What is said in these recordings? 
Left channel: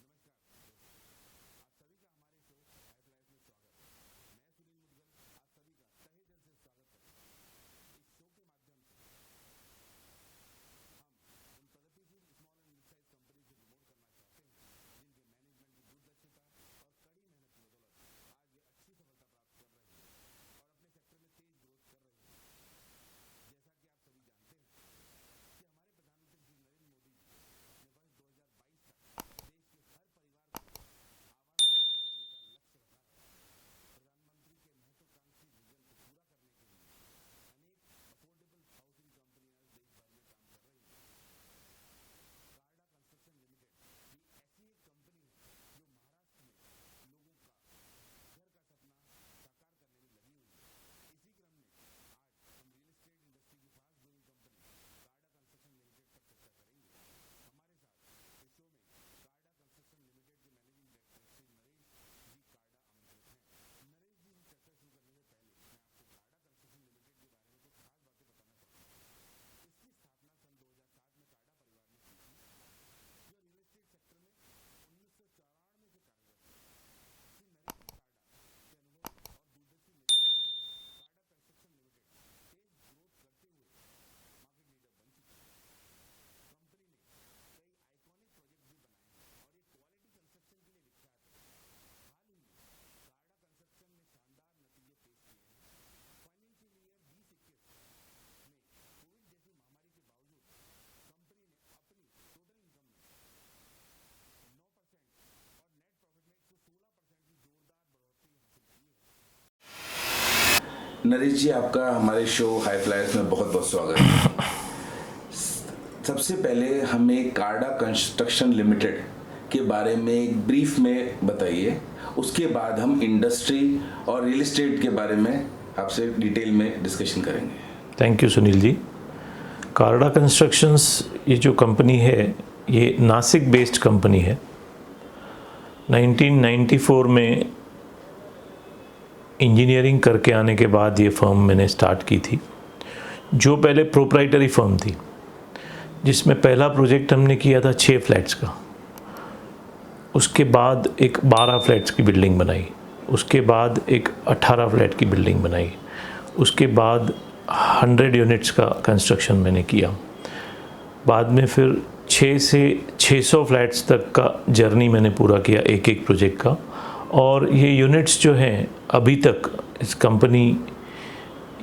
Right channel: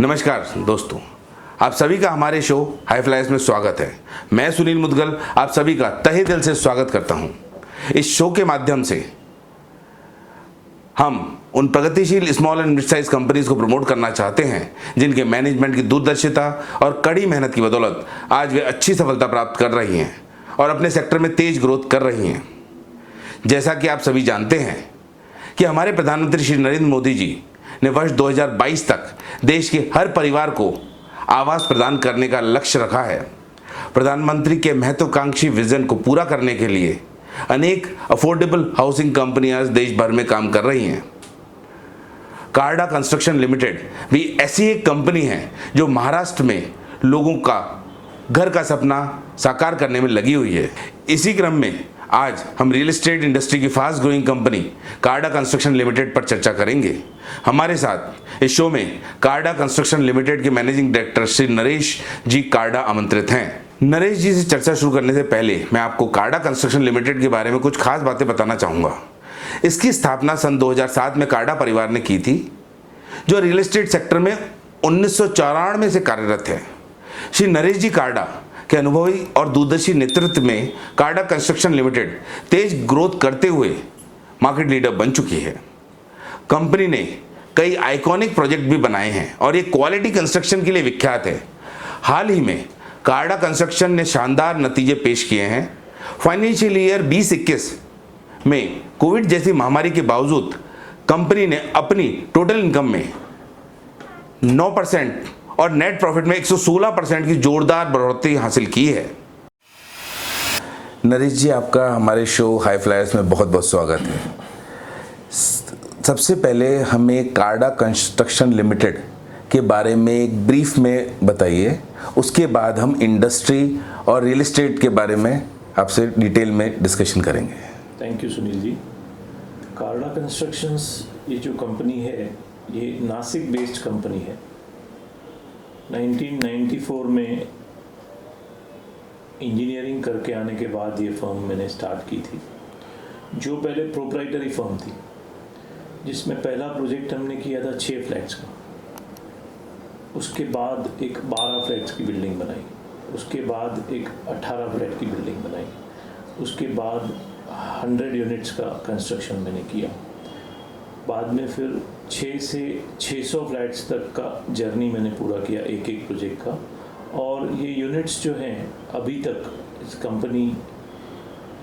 नमस्कार दोस्तों, आप सभी का हमारे शो हाई फ्लायर्स में स्वागत है। मैं सुनील मुदगल आप सभी का तहे दिल से स्वागत करता हूं। इस शो के माध्यम से हम उन प्रगतिशील small and mid size companies को प्रमोट करना चाहते हैं जिनके मैनेजमेंट की दूरदर्शिता और कड़ी मेहनत की बदौलत आज वे अच्छी सफलता प्राप्त कर रही हैं और अपने सेक्टर में तेज ग्रोथ कर रही हैं। जैसा कि आप सभी जानते हैं कि हमारे प्रधानमंत्री श्री नरेंद्र मोदी जी ने वर्ष 2022 तक देश के हर परिवार को आवास प्रदान करने का लक्ष्य रखा है। प्रधानमंत्री के महत्वाकांक्षी विजन को पूरा करने के लिए अनेक अफोर्डेबल हाउसिंग कंपनियां देश भर में काम कर रही हैं। कार्डा कंस्ट्रक्शन लिमिटेड भी ऐसी एक कंपनी है जो महाराष्ट्र में लोगों का घर का सपना साकार करने में लगी हुई है। इसी क्रम में आज हम रियल एस्टेट इंडस्ट्री की फास्ट ग्रोइंग कंपनी कार्डा कंस्ट्रक्शन लिमिटेड पर चर्चा करेंगे। हमारे साथ इस शो में कार्डा कंस्ट्रक्शन लिमिटेड के मैनेजिंग डायरेक्टर श्री नरेश जी कार्डा आमंत्रित हैं। नरेश जी से चर्चा शुरू करने से पहले मैं आपको कार्डा कंस्ट्रक्शन लिमिटेड के बारे में कुछ खास बातें बताना चाहूँगा। इसकी स्थापना सन 2007 में कार्डा परिवार ने की थी, जो रियल एस्टेट सेक्टर में 1994 से कार्यरत है। श्री नरेश जी कार्डा के अनुभवी और दूरदर्शी नेतृत्व में कार्डा कंस्ट्रक्शन लिमिटेड तेज ग्रोथ करते हुए मार्केट लीडर बन चुकी है। कंपनी ने कई आइकॉनिक प्रोजेक्ट भी बनाए हैं और ये क्वालिटी कंस्ट्रक्शन के लिए विख्यात है। हाल ही में कार्डा कंस्ट्रक्शन ने शानदार नतीजे पेश किए हैं। फाइनेंशियल ईयर 2021 में कोविड जैसी महामारी के बावजूद कंपनी ने अपनी टोटल इनकम में 9% और नेट प्रॉफिट में 116% की जोरदार बढ़ोतरी हासिल की है। नरेश जी, आपका हमारे शो हाई फ्लायर्स में बहुत बहुत स्वागत है। सबसे पहले हमें कार्डा कंस्ट्रक्शन लिमिटेड के बारे में एक ब्रीफ में बताइए, उसके बाद हम इंडस्ट्री और रियल एस्टेट के बारे में आपसे डिटेल में डिस्कशन करेंगे। Thank you Sunil ji. कार्डा कंस्ट्रक्शंस ये जो कंपनी है ये नासिक बेस्ड कंपनी है। 1994 में इंजीनियरिंग करके आने के बाद ये फर्म मैंने स्टार्ट की थी, जो पहले प्रोप्राइटरी फर्म थी, जिसमें पहला प्रोजेक्ट हमने किया था 6 फ्लैट्स का। उसके बाद एक 12 फ्लैट्स की बिल्डिंग बनाई, उसके बाद एक 18 फ्लैट की बिल्डिंग बनाई, उसके बाद 100 यूनिट्स का कंस्ट्रक्शन मैंने किया। बाद में फिर 6 से 600 फ्लैट्स तक का जर्नी मैंने पूरा किया एक एक प्रोजेक्ट का। और ये यूनिट्स जो हैं अभी तक इस कंपनी,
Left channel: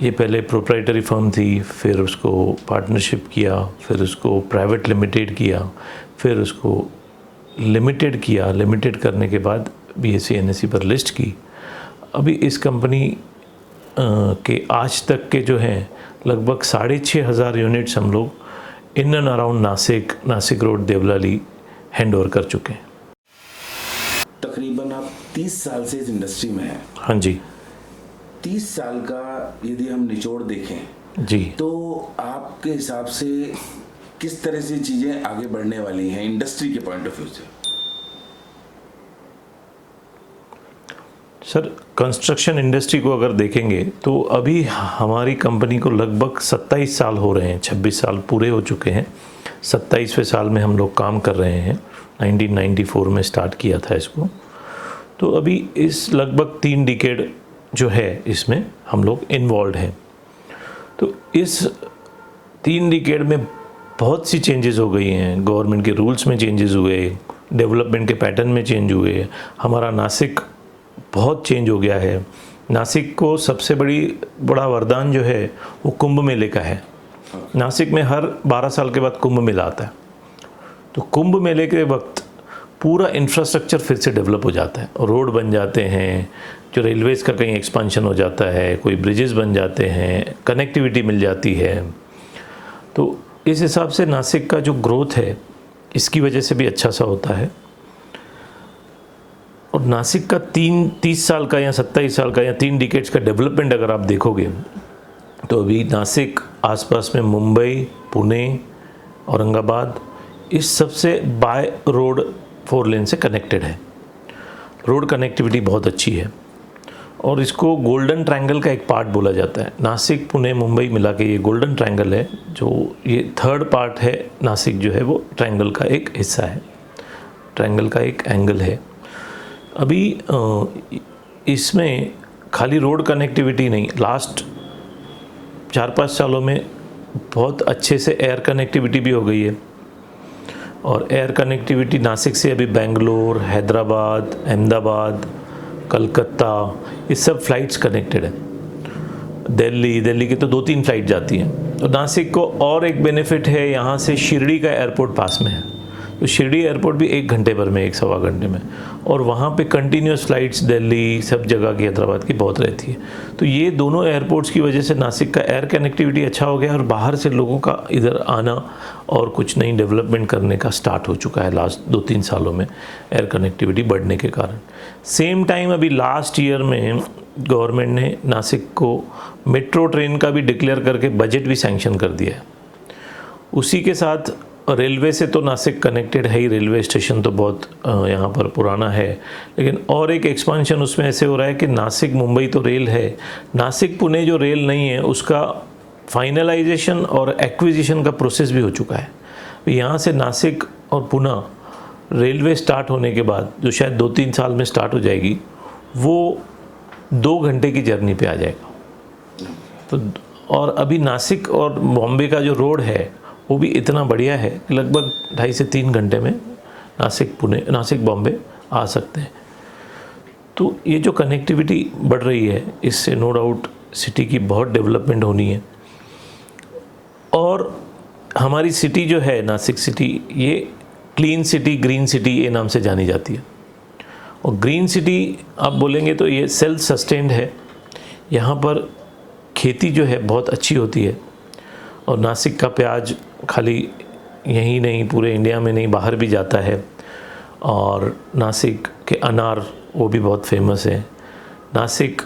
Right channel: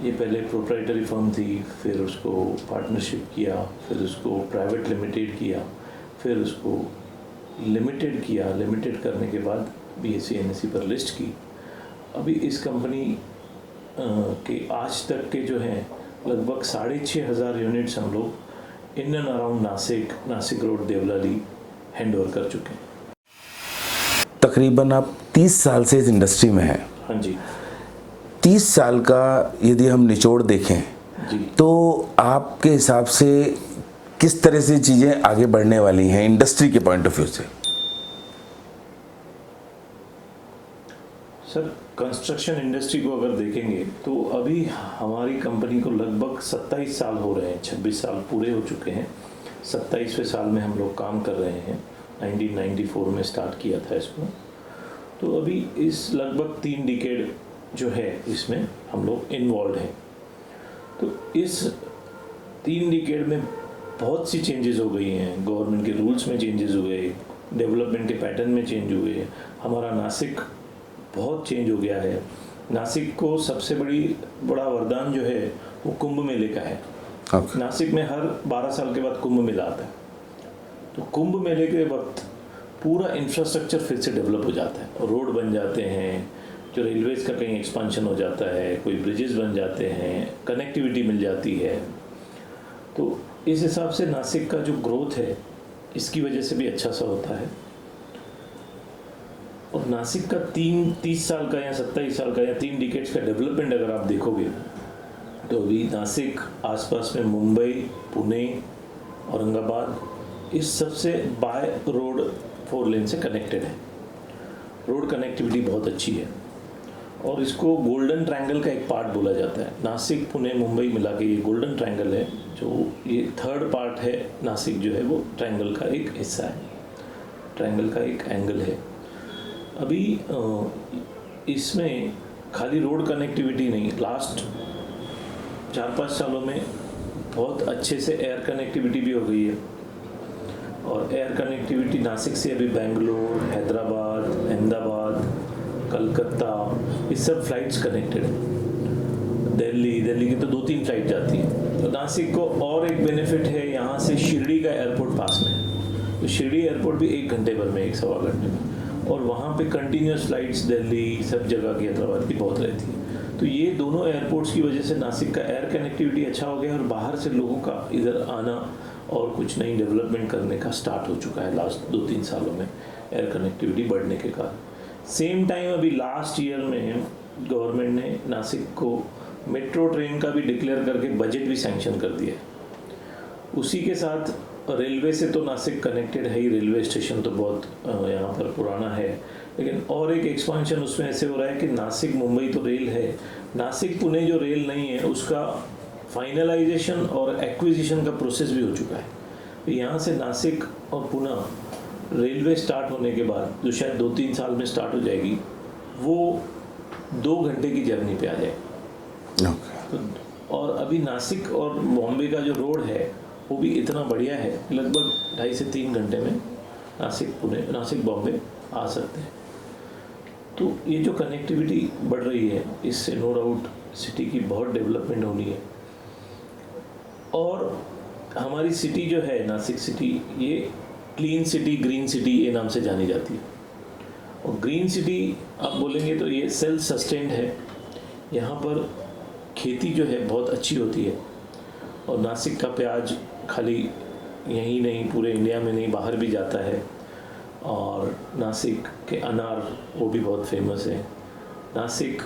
ये पहले प्रोप्राइटरी फर्म थी, फिर उसको पार्टनरशिप किया, फिर उसको प्राइवेट लिमिटेड किया, फिर उसको लिमिटेड किया। लिमिटेड करने के बाद BSE NSE पर लिस्ट की। अभी इस कंपनी के आज तक के जो हैं लगभग 6,500 यूनिट्स हम लोग in and around Nashik road Deolali hand over कर चुके हैं। तकरीबन आप 30 साल से इस इंडस्ट्री में हैं। हाँ जी। 30 साल का यदि हम निचोड़ देखें जी, तो आपके हिसाब से किस तरह से चीज़ें आगे बढ़ने वाली हैं इंडस्ट्री के पॉइंट ऑफ व्यू से? सर, कंस्ट्रक्शन इंडस्ट्री को अगर देखेंगे तो अभी हमारी कंपनी को लगभग 27 साल हो रहे हैं, 26 साल पूरे हो चुके हैं। 27वें साल में हम लोग काम कर रहे हैं। 1994 में स्टार्ट किया था इसको। तो अभी इस लगभग 3 डिकेड जो है इसमें हम लोग इन्वॉल्व हैं। तो इस 3 डिकेड में बहुत सी चेंजेस हो गई हैं। गवर्नमेंट के रूल्स में चेंजेस हुए, डेवलपमेंट के पैटर्न में चेंज हुए। हमारा नासिक बहुत चेंज हो गया है। नासिक को सबसे बड़ा वरदान जो है वो कुंभ मेले का है। नासिक में हर 12 साल के बाद कुंभ मेला आता है। तो कुंभ मेले के वक्त पूरा इंफ्रास्ट्रक्चर फिर से डेवलप हो जाता है, रोड बन जाते हैं, जो रेलवेज़ का कहीं एक्सपांशन हो जाता है, कोई ब्रिजेस बन जाते हैं, कनेक्टिविटी मिल जाती है। तो इस हिसाब से नासिक का जो ग्रोथ है इसकी वजह से भी अच्छा सा होता है। और नासिक का 30 साल का या 27 साल का या 3 डिकेड्स का डेवलपमेंट अगर आप देखोगे तो अभी नासिक आसपास में मुंबई, पुणे, औरंगाबाद, इस सबसे बाय रोड 4 लेन से कनेक्टेड है। रोड कनेक्टिविटी बहुत अच्छी है और इसको गोल्डन ट्रायंगल का एक पार्ट बोला जाता है। नासिक, पुणे, मुंबई मिला के ये गोल्डन ट्रायंगल है, जो ये 3rd पार्ट है। नासिक जो है वो ट्रायंगल का एक हिस्सा है। ट्रायंगल का एक एंगल है। अभी इसमें खाली रोड कनेक्टिविटी नहीं, लास्ट 4-5 सालों में बहुत अच्छे से एयर कनेक्टिविटी भी हो गई है। और एयर कनेक्टिविटी नासिक से अभी बेंगलोर, हैदराबाद, अहमदाबाद, कलकत्ता, ये सब फ्लाइट्स कनेक्टेड है। दिल्ली की तो 2-3 फ्लाइट जाती हैं। तो नासिक को और एक बेनिफिट है, यहाँ से शिरडी का एयरपोर्ट पास में है, तो शिरडी एयरपोर्ट भी 1 घंटे भर में, 1-1.25 घंटे में, और वहाँ पे कंटिन्यूस फ्लाइट्स दिल्ली सब जगह की, हैदराबाद की बहुत रहती है। तो ये दोनों एयरपोर्ट्स की वजह से नासिक का एयर कनेक्टिविटी अच्छा हो गया और बाहर से लोगों का इधर आना और कुछ नई डेवलपमेंट करने का स्टार्ट हो चुका है लास्ट 2-3 सालों में, एयर कनेक्टिविटी बढ़ने के कारण। सेम टाइम अभी लास्ट ईयर में गवर्नमेंट ने नासिक को मेट्रो ट्रेन का भी डिक्लेयर करके बजट भी सैंक्शन कर दिया है। उसी के साथ रेलवे से तो नासिक कनेक्टेड है ही, रेलवे स्टेशन तो बहुत यहाँ पर पुराना है, लेकिन और एक एक्सपांशन उसमें ऐसे हो रहा है कि नासिक मुंबई तो रेल है, नासिक पुणे जो रेल नहीं है उसका फाइनलाइजेशन और एक्विजिशन का प्रोसेस भी हो चुका है। यहाँ से नासिक और पुणे रेलवे स्टार्ट होने के बाद, जो शायद 2-3 साल में स्टार्ट हो जाएगी, वो 2 घंटे की जर्नी पे आ जाएगा। तो और अभी नासिक और बॉम्बे का जो रोड है वो भी इतना बढ़िया है, लगभग 2.5 से 3 घंटे में नासिक बॉम्बे आ सकते हैं। तो ये जो कनेक्टिविटी बढ़ रही है, इससे नो डाउट सिटी की बहुत डेवलपमेंट होनी है। और हमारी सिटी जो है नासिक सिटी, ये क्लीन सिटी, ग्रीन सिटी ये नाम से जानी जाती है। और ग्रीन सिटी आप बोलेंगे तो ये सेल्फ सस्टेन्ड है, यहाँ पर खेती जो है बहुत अच्छी होती है। और नासिक का प्याज खाली यहीं नहीं, पूरे इंडिया में नहीं, बाहर भी जाता है। और नासिक के अनार वो भी बहुत फेमस है। नासिक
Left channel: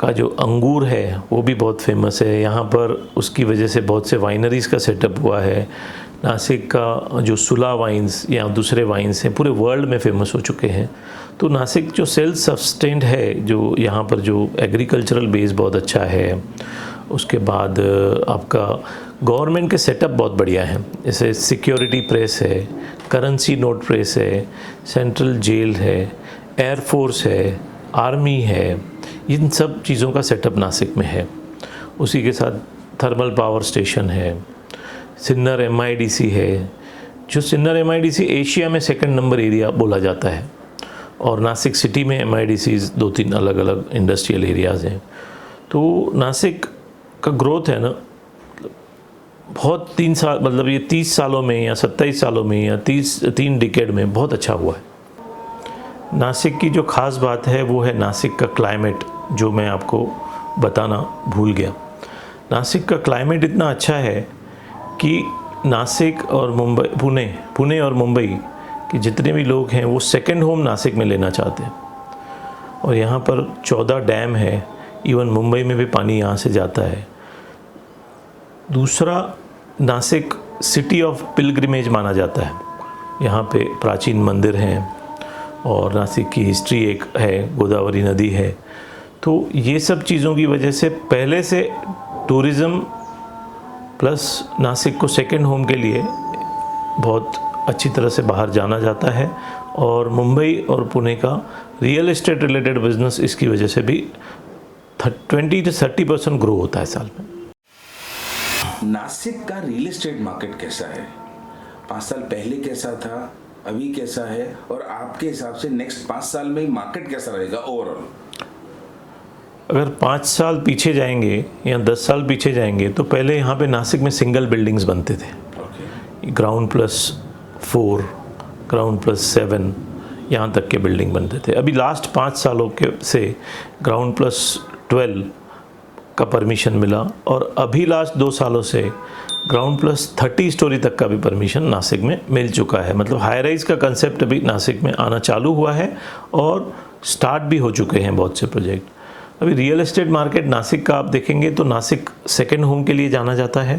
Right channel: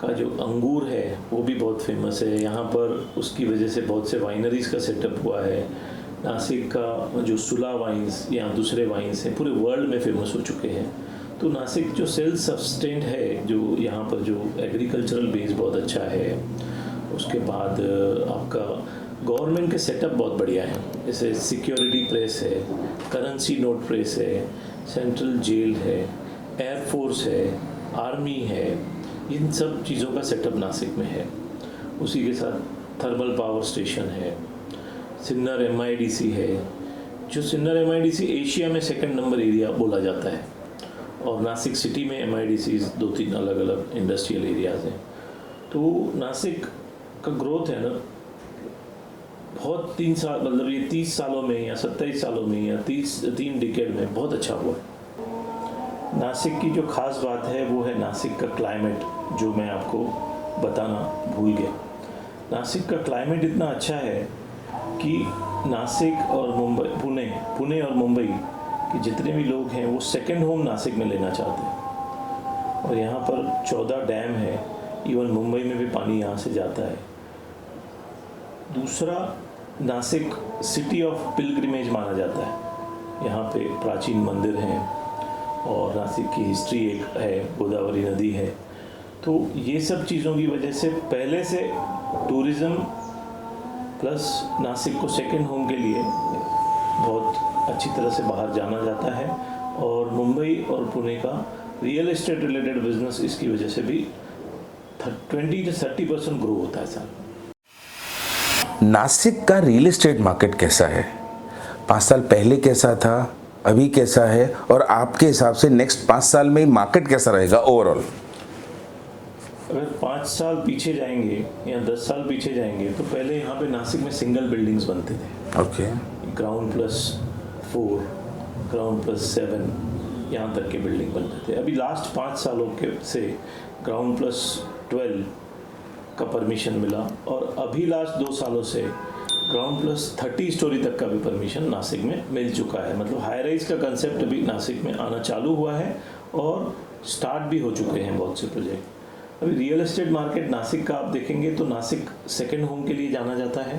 का जो अंगूर है वो भी बहुत फेमस है यहाँ पर, उसकी वजह से बहुत से वाइनरीज़ का सेटअप हुआ है। नासिक का जो सुला वाइन्स या दूसरे वाइन्स हैं पूरे वर्ल्ड में फेमस हो चुके हैं। तो नासिक जो सेल्फ सस्टेन्ड है, जो यहाँ पर जो एग्रीकल्चरल बेस बहुत अच्छा है। उसके बाद आपका गवर्नमेंट के सेटअप बहुत बढ़िया है, जैसे सिक्योरिटी प्रेस है, करेंसी नोट प्रेस है, सेंट्रल जेल है, एयरफोर्स है, आर्मी है, इन सब चीज़ों का सेटअप नासिक में है। उसी के साथ थर्मल पावर स्टेशन है, सिन्नर MIDC है, जो सिन्नर MIDC एशिया में 2nd नंबर एरिया बोला जाता है। और नासिक सिटी में MIDCs 2-3 अलग अलग इंडस्ट्रियल एरियाज़ हैं। तो नासिक का ग्रोथ है ना बहुत 3 साल, मतलब ये 30 सालों में या 27 सालों में या 3 डिकेड में बहुत अच्छा हुआ है। नासिक की जो ख़ास बात है वो है नासिक का क्लाइमेट, जो मैं आपको बताना भूल गया। नासिक का क्लाइमेट इतना अच्छा है कि नासिक और पुणे और मुंबई के जितने भी लोग हैं वो सेकंड होम नासिक में लेना चाहते हैं। और यहाँ पर 14 डैम है, इवन मुंबई में भी पानी यहाँ से जाता है। दूसरा, नासिक सिटी ऑफ पिलग्रिमेज माना जाता है, यहाँ पे प्राचीन मंदिर हैं और नासिक की हिस्ट्री एक है, गोदावरी नदी है। तो ये सब चीज़ों की वजह से पहले से टूरिज़्म प्लस नासिक को सेकंड होम के लिए बहुत अच्छी तरह से बाहर जाना जाता है। और मुंबई और पुणे का रियल एस्टेट रिलेटेड बिजनेस इसकी वजह से भी 20 से 30% ग्रो होता है साल में। नासिक का रियल एस्टेट मार्केट कैसा है? 5 साल पहले कैसा था, अभी कैसा है, और आपके हिसाब से नेक्स्ट 5 साल में मार्केट कैसा रहेगा ओवरऑल? अगर 5 साल पीछे जाएंगे या 10 साल पीछे जाएंगे तो पहले यहाँ पे नासिक में सिंगल बिल्डिंग्स बनते थे। ओके। ग्राउंड +4, ग्राउंड +7 यहाँ तक के बिल्डिंग बनते थे। अभी लास्ट 5 सालों के से ग्राउंड +12 का परमिशन मिला और अभी लास्ट 2 सालों से ग्राउंड +30 स्टोरी तक का भी परमिशन नासिक में मिल चुका है। मतलब हाई राइज का कंसेप्ट अभी नासिक में आना चालू हुआ है और स्टार्ट भी हो चुके हैं बहुत से प्रोजेक्ट। अभी रियल एस्टेट मार्केट नासिक का आप देखेंगे तो नासिक सेकंड होम के लिए जाना जाता है।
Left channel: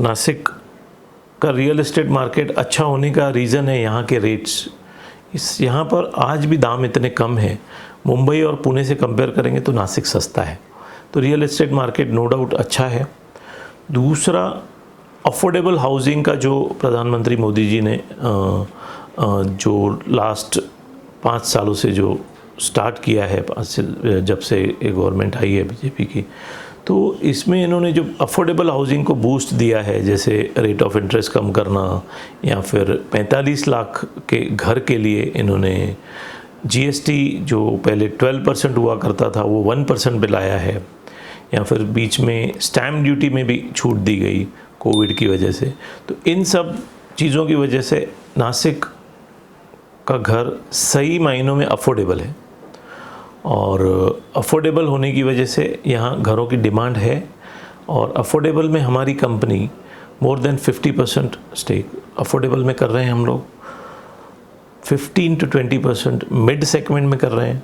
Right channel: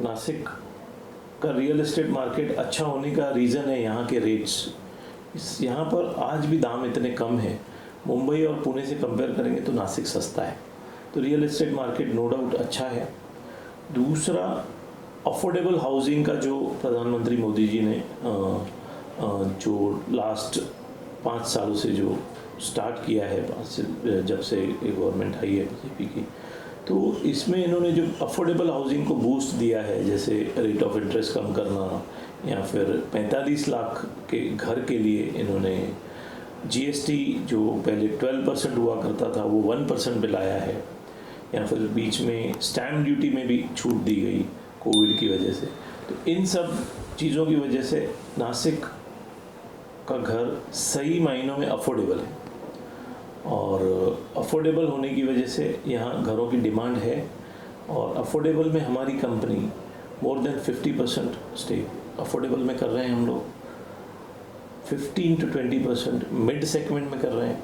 नासिक का रियल एस्टेट मार्केट अच्छा होने का रीज़न है यहाँ के रेट्स। यहाँ पर आज भी दाम इतने कम हैं, मुंबई और पुणे से कंपेयर करेंगे तो नासिक सस्ता है। तो real estate market no doubt अच्छा है। दूसरा, अफोर्डेबल हाउसिंग का जो प्रधानमंत्री मोदी जी ने जो लास्ट 5 सालों से जो स्टार्ट किया है, जब से एक गवर्नमेंट आई है बीजेपी की, तो इसमें इन्होंने जो अफोर्डेबल हाउसिंग को बूस्ट दिया है, जैसे रेट ऑफ इंटरेस्ट कम करना, या फिर 45 लाख के घर के लिए इन्होंने जीएसटी जो पहले 12% हुआ करता था वो 1% पे लाया है, या फिर बीच में स्टैम्प ड्यूटी में भी छूट दी गई कोविड की वजह से। तो इन सब चीज़ों की वजह से नासिक का घर सही मायनों में अफोर्डेबल है, और अफोर्डेबल होने की वजह से यहाँ घरों की डिमांड है, और अफोर्डेबल में हमारी company more than 50% stake affordable में कर रहे हैं हम लोग, 15 to 20% मिड सेगमेंट में कर रहे हैं,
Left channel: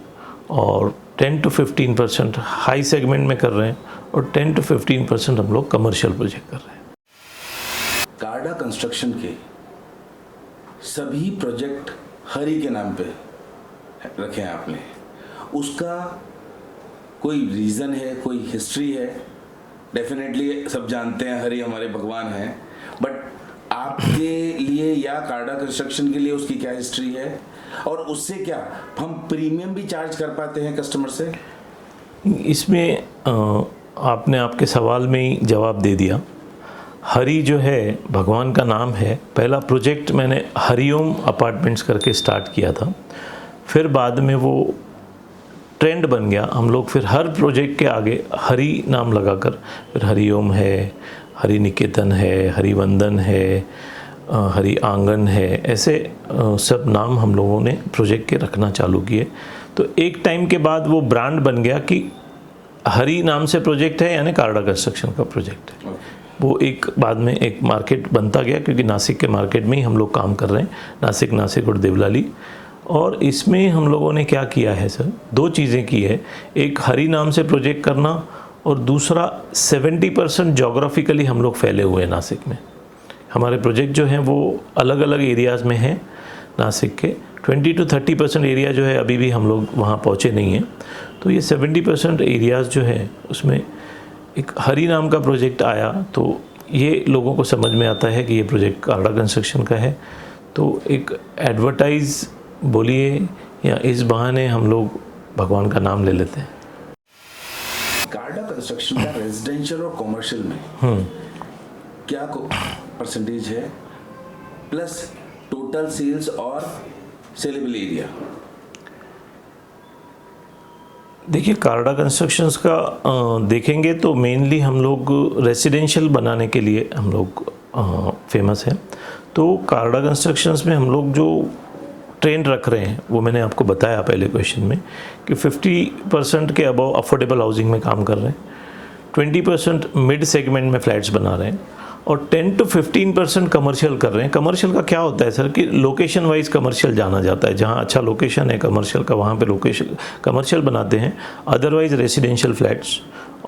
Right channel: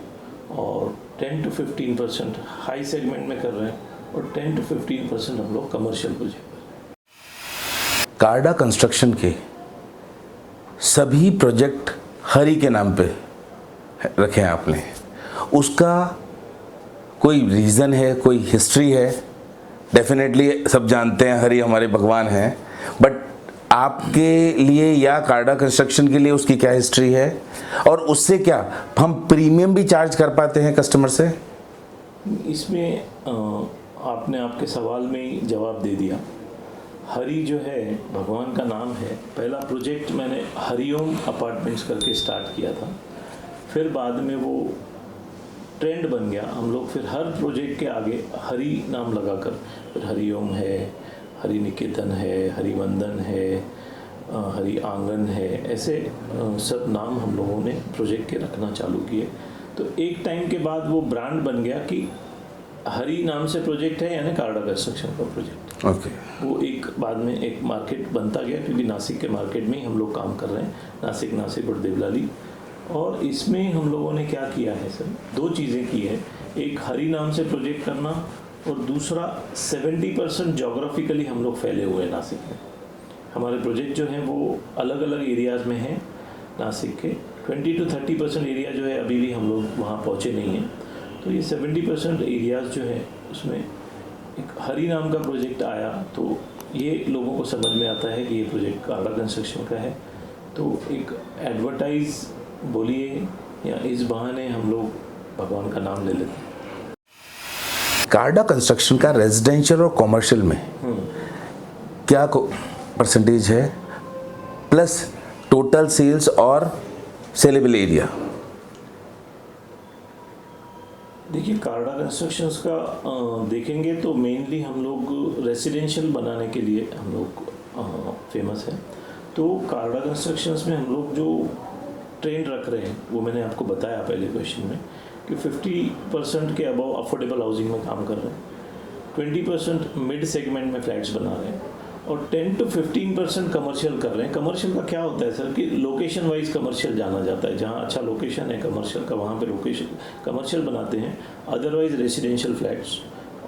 और 10 to 15% हाई सेगमेंट में कर रहे हैं, और 10 to 15% हम लोग कमर्शियल प्रोजेक्ट कर रहे हैं। कार्डा कंस्ट्रक्शन के सभी प्रोजेक्ट हरी के नाम पे रखे हैं आपने, उसका कोई रीज़न है, कोई हिस्ट्री है? डेफिनेटली सब जानते हैं हरी हमारे भगवान हैं, बट आपके लिए या कार्डा कंस्ट्रक्शन के लिए उसकी क्या हिस्ट्री है, और उससे क्या हम प्रीमियम भी चार्ज कर पाते हैं कस्टमर से? इसमें आपने आपके सवाल में ही जवाब दे दिया। हरी जो है भगवान का नाम है। पहला प्रोजेक्ट मैंने हरिओम अपार्टमेंट्स करके स्टार्ट किया था, फिर बाद में वो ट्रेंड बन गया। हम लोग फिर हर प्रोजेक्ट के आगे हरी नाम लगाकर, फिर हरिओम है, हरि निकेतन है, हरिवंदन है, हरि आंगन है, ऐसे सब नाम हम लोगों ने प्रोजेक्ट के रखना चालू किए। तो एक टाइम के बाद वो ब्रांड बन गया कि हरी नाम से प्रोजेक्ट है, यानी कार्डा कंस्ट्रक्शन का प्रोजेक्ट है। वो एक बाद में एक मार्केट बनता गया, क्योंकि नासिक के मार्केट में ही हम लोग काम कर रहे हैं, नासिक और देवलाली। और इसमें हम लोगों ने क्या किया है सर, 2 चीज़ें की है। एक हरी नाम से प्रोजेक्ट करना, और दूसरा 70% जोग्राफिकली हम लोग फैले हुए हैं नासिक में। हमारे प्रोजेक्ट जो हैं वो अलग अलग एरियाज़ में हैं नासिक के। 20 to 30% एरिया जो है अभी भी हम लोग वहाँ पहुँचे नहीं हैं। तो ये 70% एरियाज़ जो है उसमें एक हरी नाम का प्रोजेक्ट आया, तो ये लोगों को समझ में आता है कि ये प्रोजेक्ट कार्डा कंस्ट्रक्शन का है। तो एक एडवर्टाइज़ बोलिए, या इस बहाने हम लोग भगवान का नाम ले लेते हैं। कार्डा कंस्ट्रक्शन का रेजिडेंशियल और कॉमर्शियल में क्या परसेंटेज है, प्लस टोटल सेल्स और सेलेबल एरिया? देखिए, कार्डा कंस्ट्रक्शंस का देखेंगे तो मेनली हम लोग रेसिडेंशियल बनाने के लिए हम लोग फेमस हैं। तो कार्डा कंस्ट्रक्शंस में हम लोग जो ट्रेंड रख रहे हैं वो मैंने आपको बताया पहले क्वेश्चन में कि 50% के अबव अफोर्डेबल हाउसिंग में काम कर रहे हैं, 20% मिड सेगमेंट में फ्लैट्स बना रहे हैं, और 10 to 15% कमर्शियल कर रहे हैं। कमर्शियल का क्या होता है सर कि लोकेशन वाइज कमर्शियल जाना जाता है, जहाँ अच्छा लोकेशन है कमर्शियल का वहाँ पे लोकेशन कमर्शियल बनाते हैं। अदरवाइज रेसिडेंशियल फ्लैट्स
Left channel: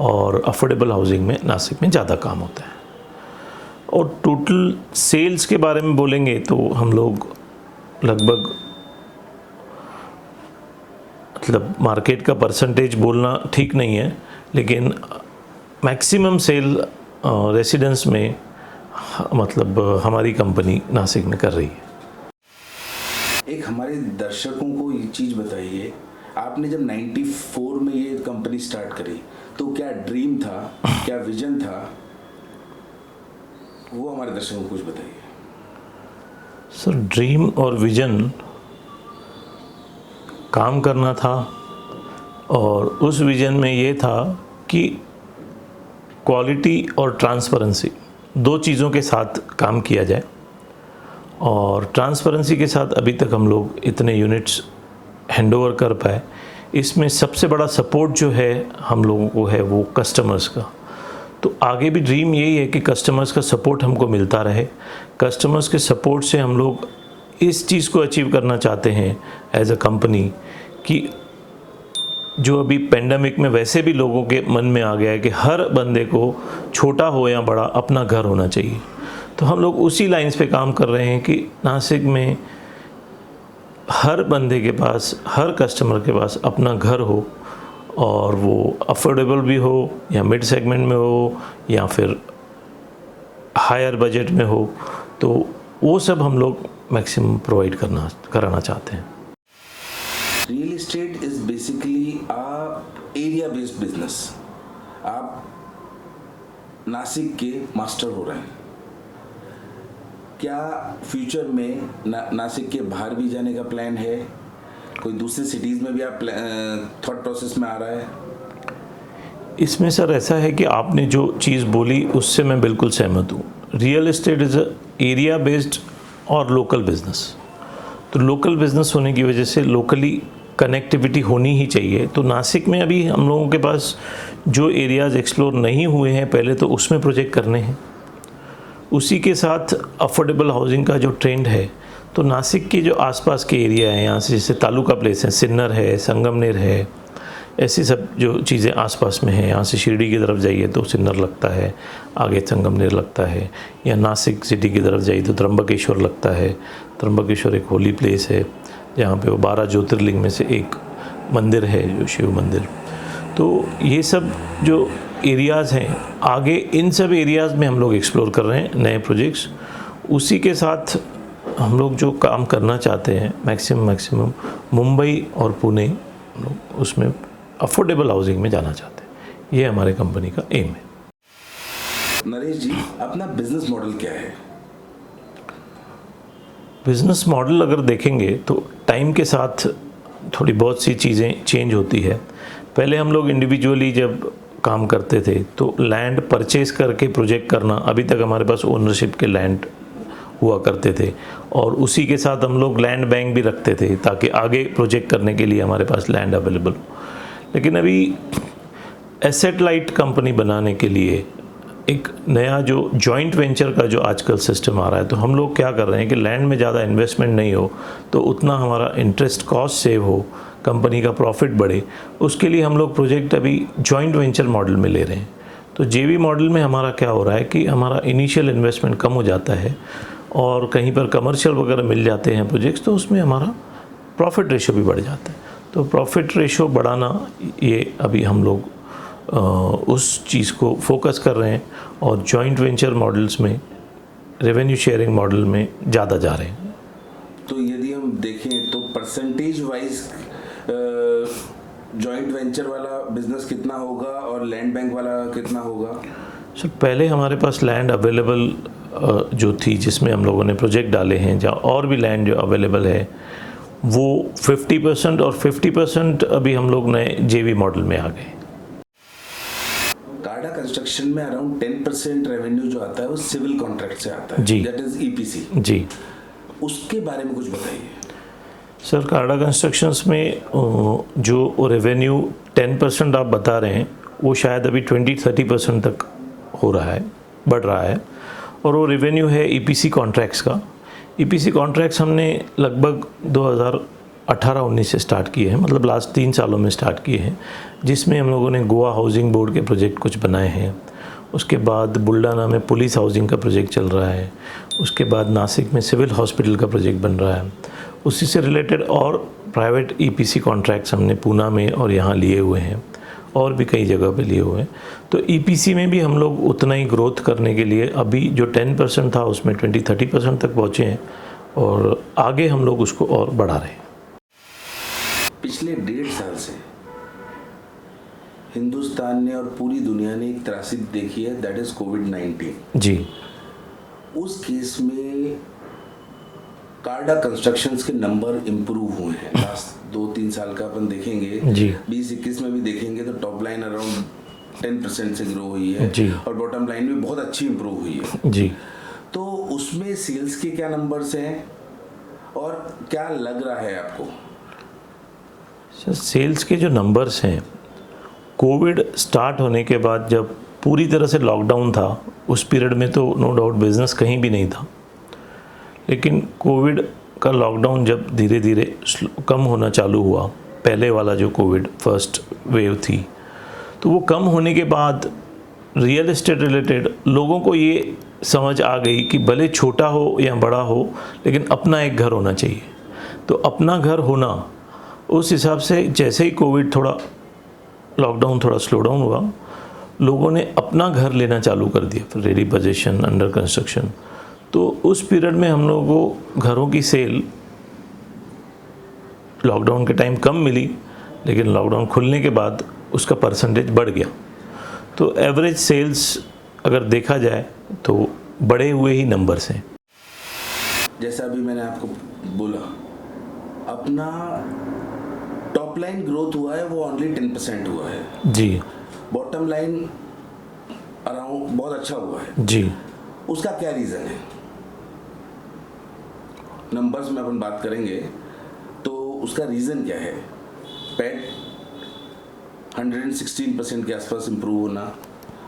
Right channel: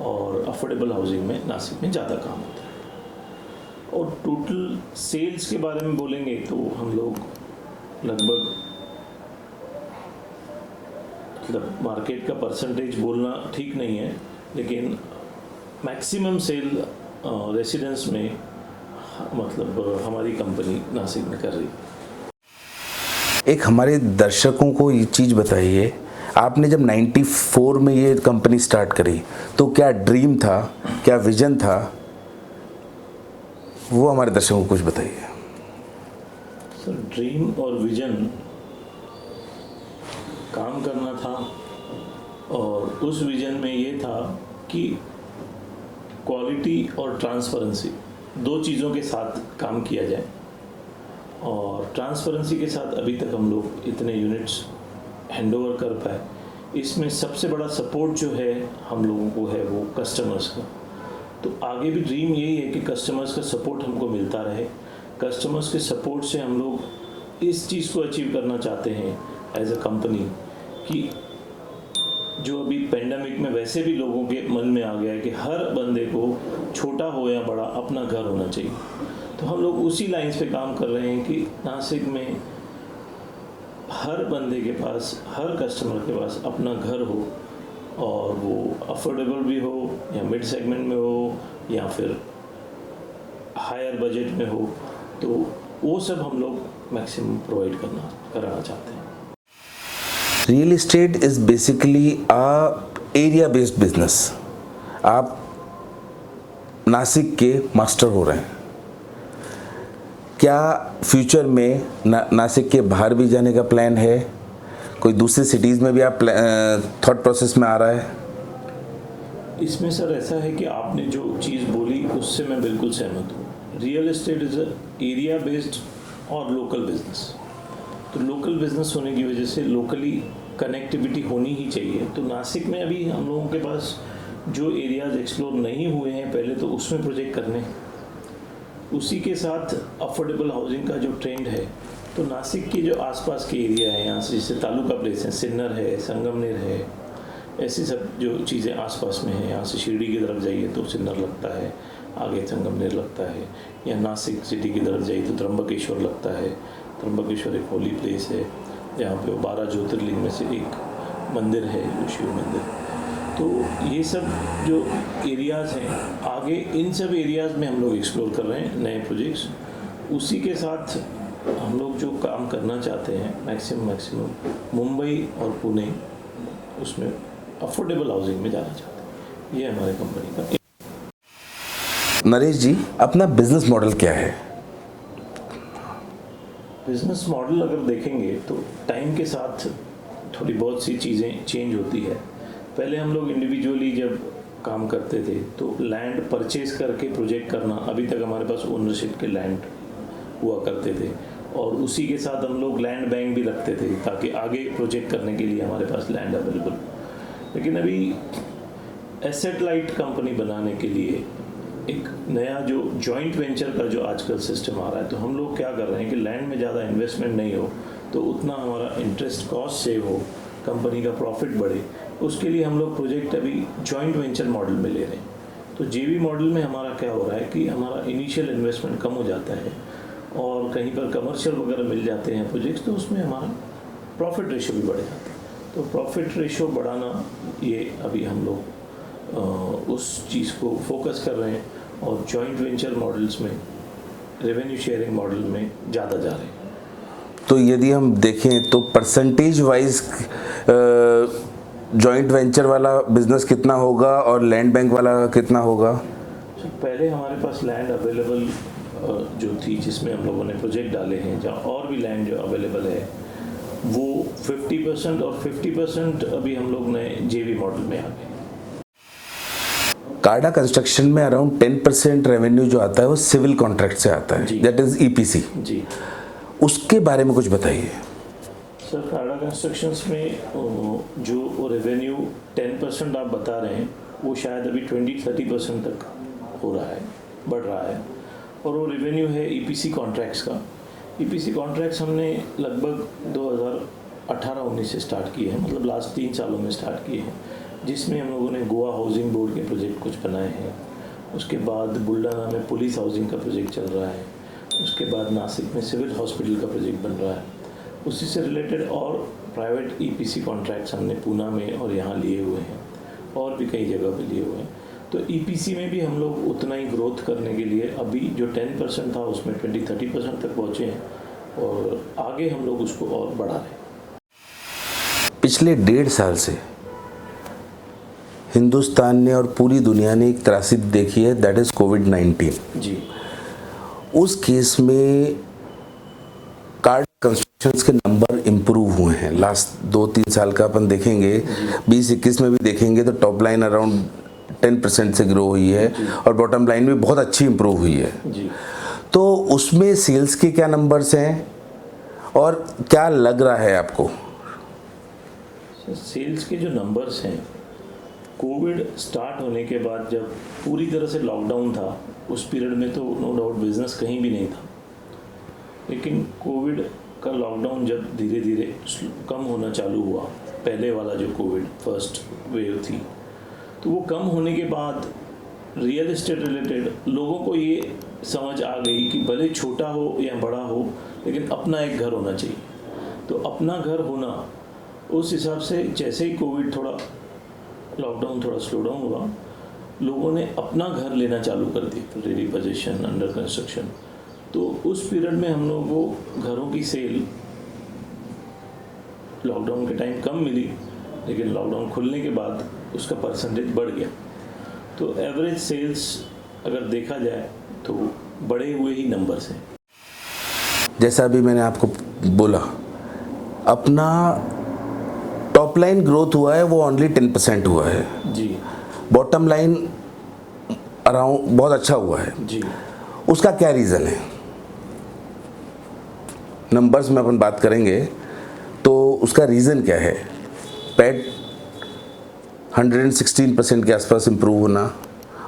और अफोर्डेबल हाउसिंग में नासिक में ज़्यादा काम होता है। और टोटल सेल्स के बारे में बोलेंगे तो हम लोग लगभग, मतलब मार्केट का परसेंटेज बोलना ठीक नहीं है, लेकिन मैक्सिमम सेल रेसिडेंस में मतलब हमारी कंपनी नासिक में कर रही है। एक हमारे दर्शकों को ये चीज़ बताइए, आपने जब 94 में ये कंपनी स्टार्ट करी तो क्या ड्रीम था, क्या विजन था, वो हमारे दर्शकों को कुछ बताइए। सर, ड्रीम और विजन काम करना था, और उस विजन में ये था कि क्वालिटी और ट्रांसपेरेंसी 2 चीज़ों के साथ काम किया जाए। और ट्रांसपेरेंसी के साथ अभी तक हम लोग इतने यूनिट्स हैंडओवर कर पाए। इसमें सबसे बड़ा सपोर्ट जो है हम लोगों को है वो कस्टमर्स का। तो आगे भी ड्रीम यही है कि कस्टमर्स का सपोर्ट हमको मिलता रहे। कस्टमर्स के सपोर्ट से हम लोग इस चीज़ को अचीव करना चाहते हैं एज अ कंपनी कि जो अभी पेंडेमिक में वैसे भी लोगों के मन में आ गया है कि हर बंदे को छोटा हो या बड़ा अपना घर होना चाहिए। तो हम लोग उसी लाइंस पे काम कर रहे हैं कि नासिक में हर बंदे के पास, हर कस्टमर के पास अपना घर हो, और वो अफोर्डेबल भी हो, या मिड सेगमेंट में हो, या फिर हायर बजट में हो, तो वो सब हम लोग मैक्सिमम प्रोवाइड कराना चाहते हैं। Real estate is basically a area based business. आप नासिक के मास्टर हो रहे हैं, क्या फ्यूचर में नासिक के बाहर भी जाने का प्लान है? कोई दूसरी सिटीज़ में भी आप थॉट प्रोसेस में आ रहा है? इसमें सर ऐसा है कि आपने जो चीज़ बोली उससे मैं बिल्कुल सहमत हूँ। Real estate is area based और लोकल बिजनेस। तो लोकल बिजनेस होने की वजह से लोकली कनेक्टिविटी होनी ही चाहिए। तो नासिक में अभी हम लोगों के पास जो एरियाज़ एक्सप्लोर नहीं हुए हैं पहले, तो उसमें प्रोजेक्ट करने हैं। उसी के साथ अफोर्डेबल हाउसिंग का जो ट्रेंड है, तो नासिक के जो आसपास के एरिया हैं, यहाँ से जैसे तालुका प्लेस है, सिन्नर है, संगमनेर है, ऐसी सब जो चीज़ें आसपास में हैं। यहाँ से शिरडी की तरफ जाइए तो सिन्नर लगता है, आगे संगमनेर लगता है, या नासिक सिटी की तरफ जाइए तो त्र्यंबकेश्वर लगता है। त्र्यंबकेश्वर एक होली प्लेस है जहाँ पे वो 12 ज्योतिर्लिंग में से एक मंदिर है, जो शिव मंदिर। तो ये सब जो एरियाज़ हैं, आगे इन सब एरियाज़ में हम लोग एक्सप्लोर कर रहे हैं नए प्रोजेक्ट्स। उसी के साथ हम लोग जो काम करना चाहते हैं मैक्सिमम मुंबई और पुणे, उसमें अफोर्डेबल हाउसिंग में जाना चाहते हैं। ये हमारे कंपनी का एम है। नरेश जी, अपना बिजनेस मॉडल क्या है? बिजनेस मॉडल अगर देखेंगे तो टाइम के साथ थोड़ी बहुत सी चीज़ें चेंज होती है। पहले हम लोग इंडिविजुअली जब काम करते थे तो लैंड परचेज करके प्रोजेक्ट करना, अभी तक हमारे पास ओनरशिप के लैंड हुआ करते थे, और उसी के साथ हम लोग लैंड बैंक भी रखते थे ताकि आगे प्रोजेक्ट करने के लिए हमारे पास लैंड अवेलेबल हो। लेकिन अभी एसेट लाइट कंपनी बनाने के लिए एक नया जो जॉइंट वेंचर का जो आजकल सिस्टम आ रहा है, तो हम लोग क्या कर रहे हैं कि लैंड में ज़्यादा इन्वेस्टमेंट नहीं हो तो उतना हमारा इंटरेस्ट कॉस्ट सेव हो, कंपनी का प्रॉफिट बढ़े, उसके लिए हम लोग प्रोजेक्ट अभी जॉइंट वेंचर मॉडल में ले रहे हैं। तो जेवी मॉडल में हमारा क्या हो रहा है कि हमारा इनिशियल इन्वेस्टमेंट कम हो जाता है और कहीं पर कमर्शियल वगैरह मिल जाते हैं प्रोजेक्ट्स, तो उसमें हमारा प्रॉफिट रेशो भी बढ़ जाता है। तो प्रॉफिट रेशो बढ़ाना, ये अभी हम लोग उस चीज़ को फोकस कर रहे हैं, और जॉइंट वेंचर मॉडल्स में, रेवेन्यू शेयरिंग मॉडल में ज़्यादा जा रहे हैं। तो यदि हम देखें तो परसेंटेज वाइज जॉइंट वेंचर वाला बिजनेस कितना होगा और लैंड बैंक वाला कितना होगा? सर, पहले हमारे पास लैंड अवेलेबल जो थी, जिसमें हम लोगों ने प्रोजेक्ट डाले हैं, जहाँ और भी लैंड जो अवेलेबल है, वो 50% और 50% अभी हम लोग नए जेवी मॉडल में आ गए। कार्डा कंस्ट्रक्शन में अराउंड 10% रेवेन्यू जो आता है वो सिविल कॉन्ट्रैक्ट से आता है, जी, दैट इज ईपीसी जी। उसके बारे में कुछ बताइए। सर, कार्डा कंस्ट्रक्शंस में जो रेवेन्यू 10% आप बता रहे हैं, वो शायद अभी 20-30% तक हो रहा है, बढ़ रहा है, और वो रेवेन्यू है ईपीसी कॉन्ट्रैक्ट्स का। ईपीसी कॉन्ट्रैक्ट्स हमने लगभग 2018-19 से स्टार्ट किए हैं, मतलब लास्ट 3 सालों में स्टार्ट किए हैं, जिसमें हम लोगों ने गोवा हाउसिंग बोर्ड के प्रोजेक्ट कुछ बनाए हैं। उसके बाद बुल्डाना में पुलिस हाउसिंग का प्रोजेक्ट चल रहा है। उसके बाद नासिक में सिविल हॉस्पिटल का प्रोजेक्ट बन रहा है। उसी से रिलेटेड और प्राइवेट ईपीसी कॉन्ट्रैक्ट्स हमने पूना में और यहाँ लिए हुए हैं, और भी कई जगह पे लिए हुए हैं। तो ईपीसी में भी हम लोग उतना ही ग्रोथ करने के लिए अभी जो 10% था उसमें 20-30% तक पहुँचे हैं, और आगे हम लोग उसको और बढ़ा रहे हैं। पिछले 1.5 साल से हिंदुस्तान ने और पूरी दुनिया ने एक त्रासदी देखी है, दैट इज कोविड-19। जी। उस केस में कार्डा कंस्ट्रक्शंस के नंबर इम्प्रूव हुए हैं। लास्ट 2-3 साल का अपन देखेंगे, 20-21 में भी देखेंगे तो टॉप लाइन अराउंड 10% से ग्रो हुई है, और बॉटम लाइन में बहुत अच्छी इम्प्रूव हुई है। जी। तो उसमें सेल्स के क्या नंबर्स हैं और क्या लग रहा है आपको? सर, सेल्स के जो नंबर्स हैं, कोविड स्टार्ट होने के बाद जब पूरी तरह से लॉकडाउन था, उस पीरियड में तो नो डाउट बिज़नेस कहीं भी नहीं था। लेकिन कोविड का लॉकडाउन जब धीरे धीरे कम होना चालू हुआ, पहले वाला जो कोविड फर्स्ट वेव थी, तो वो कम होने के बाद रियल एस्टेट रिलेटेड लोगों को ये समझ आ गई कि भले छोटा हो या बड़ा हो, लेकिन अपना एक घर होना चाहिए। तो अपना घर होना, उस हिसाब से जैसे ही कोविड थोड़ा लॉकडाउन थोड़ा स्लो डाउन हुआ, लोगों ने अपना घर लेना चालू कर दिया, फिर रेडी पोजीशन, अंडर कंस्ट्रक्शन। तो उस पीरियड में हम लोगों को घरों की सेल लॉकडाउन के टाइम कम मिली, लेकिन लॉकडाउन खुलने के बाद उसका परसेंटेज बढ़ गया। तो एवरेज सेल्स अगर देखा जाए तो बढ़े हुए ही नंबर्स हैं। जैसा अभी मैंने आपको बोला, अपना टॉप लाइन ग्रोथ हुआ है वो ओनली 10% हुआ है जी बॉटम लाइन अराउंड बहुत अच्छा हुआ है जी। उसका क्या रीज़न है? नंबर्स में अपन बात करेंगे तो उसका रीज़न क्या है? पैट 116% के आसपास इम्प्रूव होना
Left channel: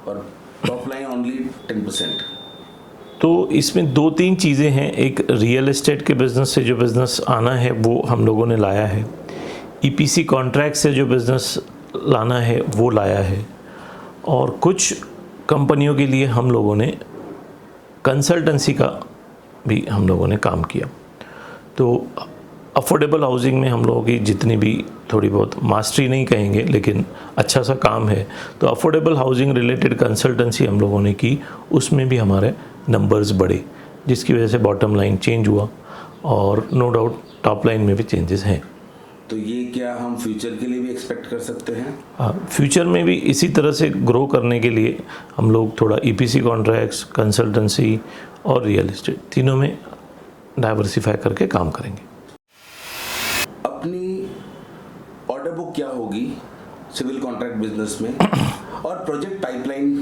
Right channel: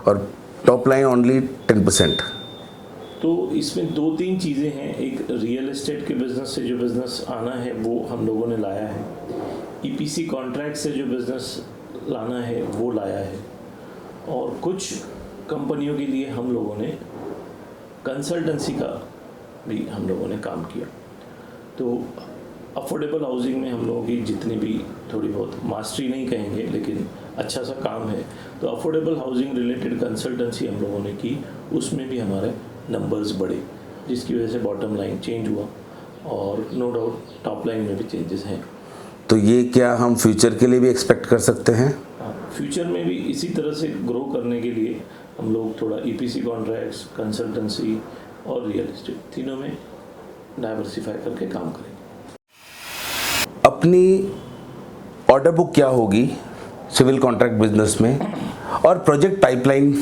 और टॉप लाइन ओनली 10%। तो इसमें दो तीन चीज़ें हैं। एक रियल एस्टेट के बिज़नेस से जो बिज़नेस आना है वो हम लोगों ने लाया है, ईपीसी कॉन्ट्रैक्ट से जो बिज़नेस लाना है वो लाया है, और कुछ कंपनियों के लिए हम लोगों ने कंसल्टेंसी का भी हम लोगों ने काम किया। तो अफोर्डेबल हाउसिंग में हम लोगों की जितनी भी थोड़ी बहुत मास्टरी नहीं कहेंगे लेकिन अच्छा सा काम है, तो अफोर्डेबल हाउसिंग रिलेटेड कंसल्टेंसी हम लोगों ने की, उसमें भी हमारे नंबर्स बढ़े, जिसकी वजह से बॉटम लाइन चेंज हुआ और नो डाउट टॉप लाइन में भी चेंजेस हैं। तो ये क्या हम फ्यूचर के लिए भी एक्सपेक्ट कर सकते हैं? हाँ, फ्यूचर में भी इसी तरह से ग्रो करने के लिए हम लोग थोड़ा ईपीसी कॉन्ट्रैक्ट्स, कंसल्टेंसी और रियल एस्टेट तीनों में डाइवर्सिफाई करके काम करेंगे। अपनी ऑर्डर बुक क्या होगी सिविल कॉन्ट्रैक्ट बिजनेस में, और प्रोजेक्ट पाइपलाइन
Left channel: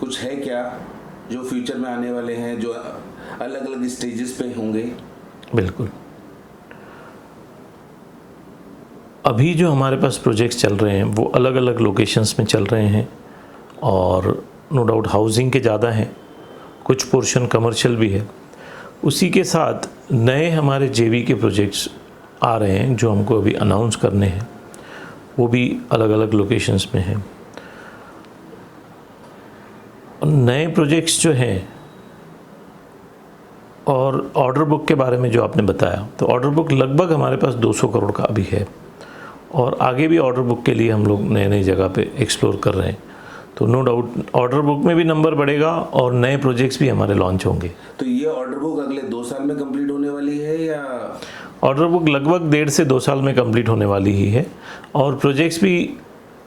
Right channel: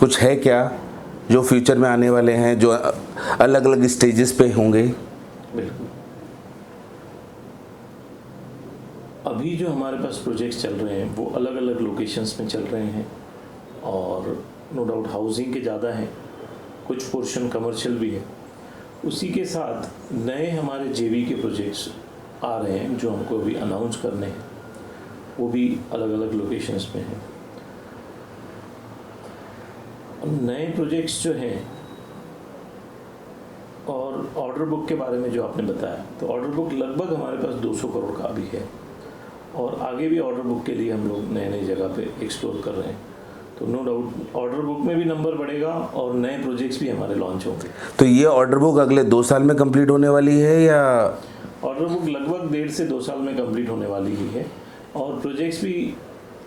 कुछ है क्या जो फ्यूचर में आने वाले हैं, जो अलग अलग स्टेजेस पे होंगे? बिल्कुल। अभी जो हमारे पास प्रोजेक्ट्स चल रहे हैं वो अलग अलग लोकेशंस में चल रहे हैं, और नो डाउट हाउसिंग के ज़्यादा हैं, कुछ पोर्शन कमर्शियल भी है। उसी के साथ नए हमारे जेवी के प्रोजेक्ट्स आ रहे हैं जो हमको अभी अनाउंस करने हैं, वो भी अलग अलग लोकेशंस में हैं। नए प्रोजेक्ट्स जो हैं, और ऑर्डर बुक के बारे में जो आपने बताया, तो ऑर्डर बुक लगभग हमारे पास 200 करोड़ का अभी है, और आगे भी ऑर्डर बुक के लिए हम लोग नए नई जगह पे एक्सप्लोर कर रहे हैं। तो नो डाउट ऑर्डर बुक में भी नंबर बढ़ेगा और नए प्रोजेक्ट्स भी हमारे लॉन्च होंगे। तो ये ऑर्डर बुक अगले 2 साल में कंप्लीट होने वाली है, या? ऑर्डर बुक लगभग 1.5 से 2 साल में कंप्लीट होने वाली ही है, और प्रोजेक्ट्स भी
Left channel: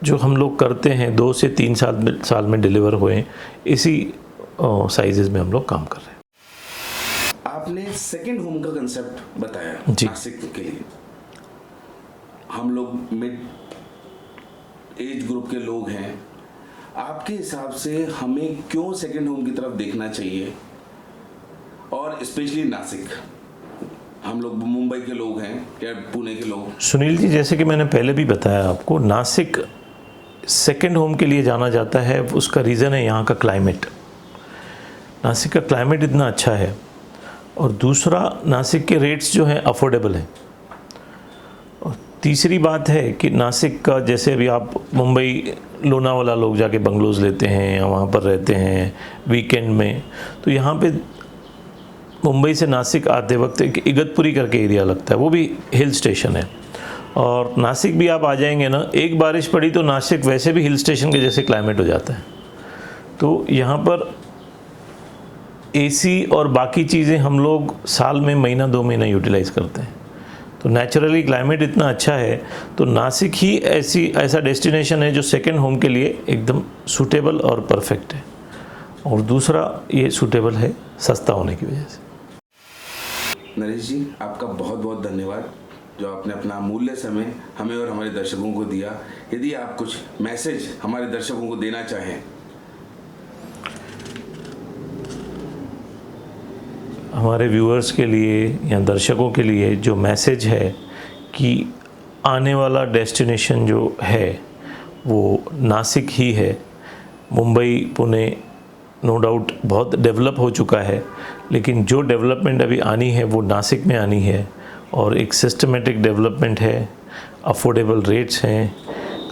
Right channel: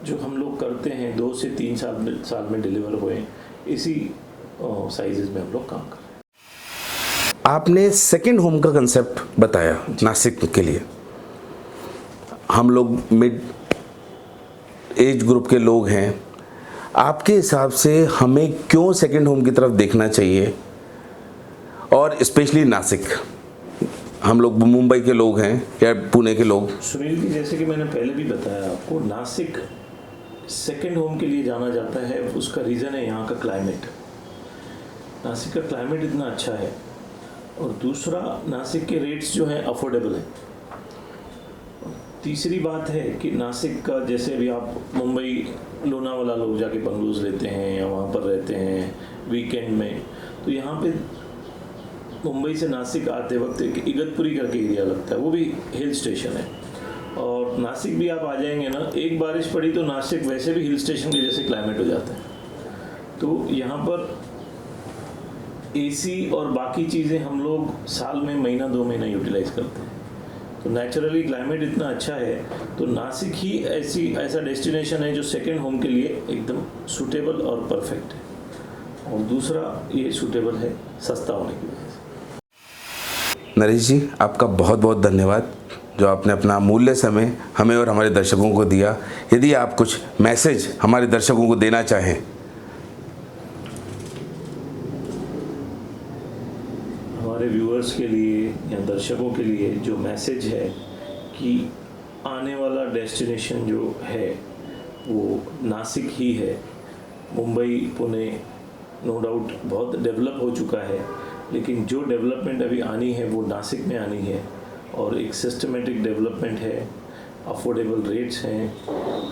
जो हम लोग करते हैं 2 से 3 साल में डिलीवर हुए, इसी साइजेस में हम लोग काम कर रहे हैं। आपने सेकंड होम का कंसेप्ट बताया नासिक के लिए। हम लोग मिड एज ग्रुप के लोग हैं, आपके हिसाब से हमें क्यों सेकंड होम की तरफ देखना चाहिए, और स्पेशली नासिक? हम लोग मुंबई के लोग हैं या पुणे के लोग? सुनील जी, जैसे कि मैंने पहले भी बताया आपको, नासिक सेकंड होम के लिए जाना जाता है। उसका रीज़न है यहाँ का क्लाइमेट। नासिक का क्लाइमेट इतना अच्छा है, और दूसरा नासिक के रेट्स जो हैं अफोर्डेबल हैं, और तीसरी बात है कि नासिक का, जैसे अभी आप मुंबई लोनावाला लोग जाके बंगलोज लेते हैं या वहाँ पर रहते हैं वीकेंड में, तो यहाँ पे मुंबई से नासिक आते वक्त एक इगतपुरी करके एरिया लगता है, वो भी हिल स्टेशन है। और नासिक भी आप आ जाएंगे ना, एक बारिश पड़ी तो नासिक वैसे भी हिल स्टेशन के जैसे क्लाइमेट हो जाता है। तो यहाँ पर एसी और बाकी चीज़ें हम लोग साल में महीना 2 महीना यूटिलाइज करते हैं। तो नेचुरली क्लाइमेट इतना अच्छा है, तो नासिक ही ऐसा डेस्टिनेशन है जो सेकंड होम के लिए एकदम सूटेबल और परफेक्ट है। और दूसरा ये सूटेबल है सस्ता होने की वजह से। नरेश जी, आपका बहुत बहुत धन्यवाद जो आपने अपना अमूल्य समय हमें और हमारे दर्शकों को दिया। यदि आप कुछ मैसेज हमारे दर्शकों को देना चाहें। हमारे व्यूअर्स के लिए या दर्शकों के लिए जो मैसेज है कि आने वाला डेस्टिनेशन जो है वो नासिक ही है। मुंबई, पुणे नो डाउट बहुत डेवलप हो चुका है, लेकिन जो डेवलपमेंट अभी आनी है वो नासिक में आनी है, और एक सिस्टमेटिक डेवलपमेंट है, अफोर्डेबल रेट्स हैं,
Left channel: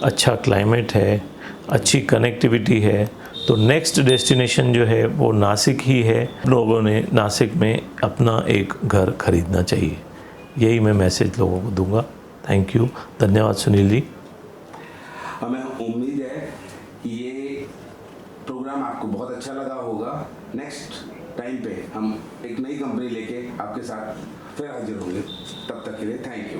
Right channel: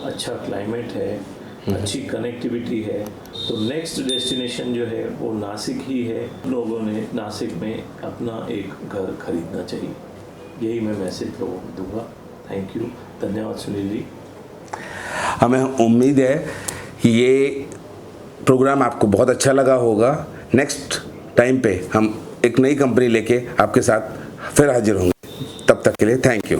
अच्छा क्लाइमेट है, अच्छी कनेक्टिविटी है। तो नेक्स्ट डेस्टिनेशन जो है वो नासिक ही है। लोगों ने नासिक में अपना एक घर खरीदना चाहिए, यही मैं मैसेज लोगों को दूंगा। थैंक यू, धन्यवाद सुनील जी। हमें उम्मीद है कि ये प्रोग्राम आपको बहुत अच्छा लगा होगा। नेक्स्ट टाइम पे हम एक नई कंपनी लेके आपके साथ फिर हाजिर होंगे। तब तक के लिए थैंक यू।